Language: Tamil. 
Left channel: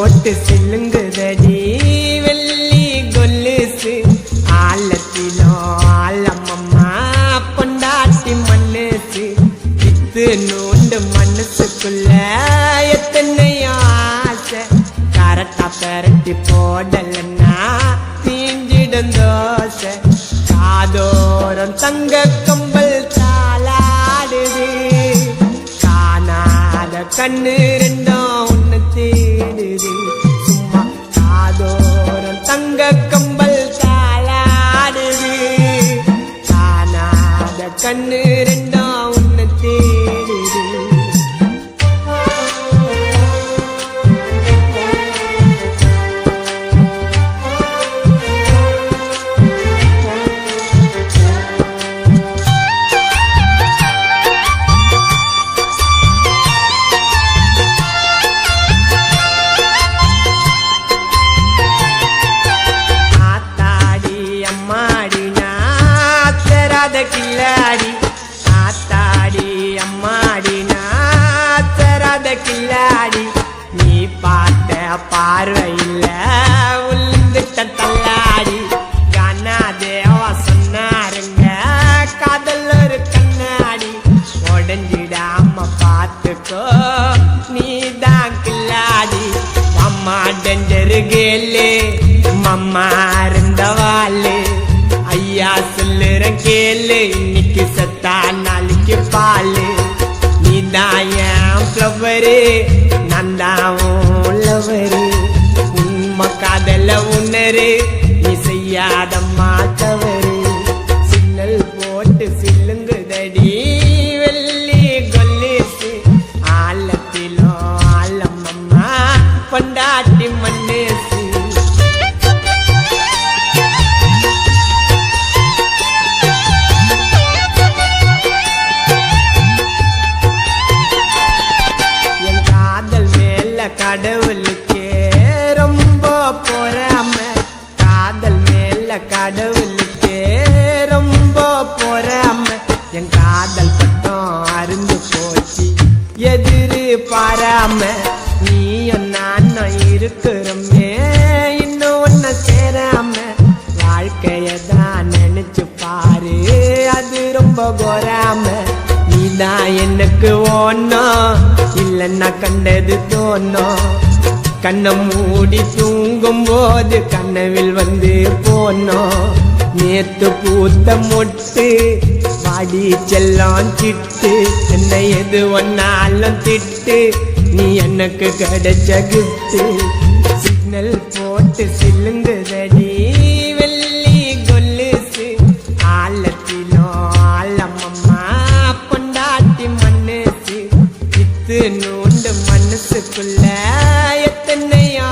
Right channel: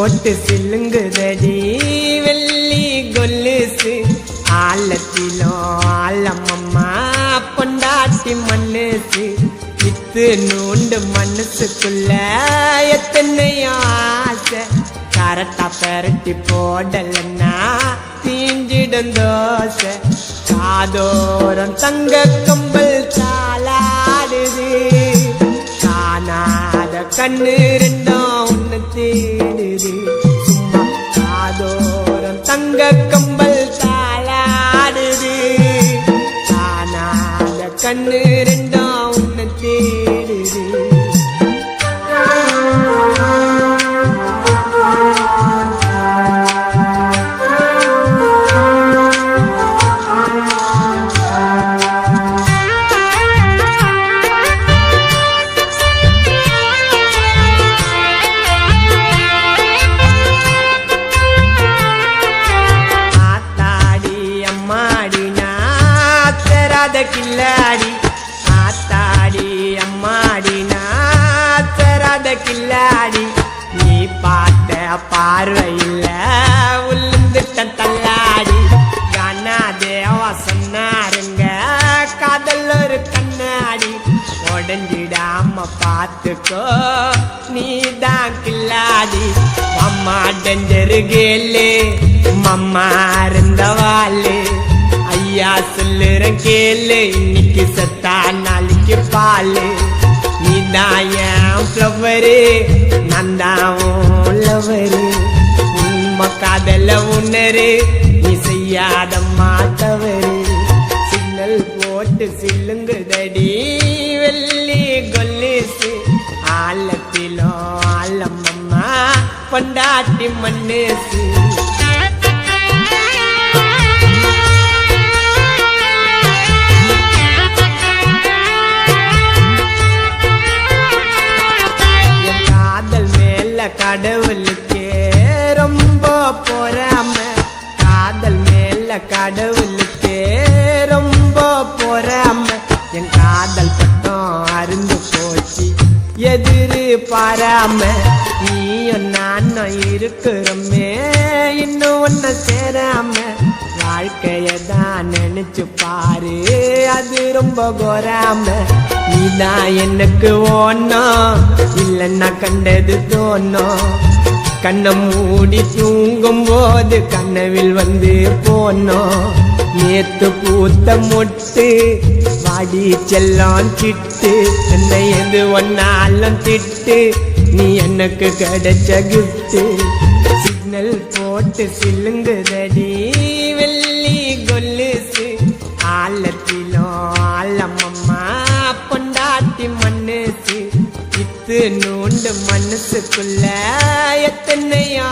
போட்டு சில்லுங்குதடி வெள்ளி கொலுசு ஆழத்திலோ ஆழமம்மா பொண்டாட்டி மனசு வித்து நூண்டு மனசுக்குள்ள எத்தனையோ ஆசை கரெக்டா பெரட்டி போடலன்னா தீஞ்சிடும் தோசை காதோரம் தங்க கம்பல் தாளாடுது காணாத கண்ணு ரெண்டும் உன்னை தேடுது சும்மா காதோரம் தங்க கம்பல் தாளாடுது காணாத கண்ணு ரெண்டும் உன்னை தேடுது கில்லாடி ஆத்தாடி அம்மாடி நாத்தராத கில்லாடி நீ பார்த்த பார்வையில் உளுந்துட்ட தள்ளாடி கானா தேவா சொன்னாருங்க காதல் ஒரு கண்ணாடி உடஞ்சிடாம பார்த்துக்கோ நீதான் கில்லாடி அம்மா டெஞ்சரு கேளு மம்மா இருந்தவாளு ஐயா சொல்லுறேன் கேளு இன்னைக்கு சத்தா நாளைக்கு பாலு நீதான் என் ஃப்ளவரு நான் தான் லவரு உண்மை காதல உணரு நீ செய்யாத மாத்தவரு சிக்னல் போட்டு சில்லுங்குதடி வெள்ளி கொலுசு ஆழத்திலோ ஆழமம்மா பொண்டாட்டி மனசு கடவுளுக்கே ரொம்ப பொறாம காதல் மேல கடவுளுக்கே ரொம்ப பொறாம என் காதல் பட்டம் அருந்து போச்சு எதிரு பாராம நீயும் நானும் இருக்கிறோமே இன்னும் ஒன்ன சேராம வாழ்க்கையதான் நினைச்சு பாரு அது ரொம்ப கோராம நீதான் எனக்கு ஓணும் இல்லைன்னா கண்டது தோணும் கண்ணை மூடி தூங்கும் போது கனவில் வந்து போனோம் நேத்து பூத்த மொட்டு வாடி செல்லம் சிட்டு என்னை எது ஒன்னாலும் திட்டு நீ எனக்கு கிடைச்ச கிஃப்ட் சிக்னல் போட்டு சில்லுங்குதடி வெள்ளி கொலுசு ஆழத்திலோ ஆழமம்மா பொண்டாட்டி மனசு இத்து நூண்டு மனசுக்குள்ள எத்தனையோ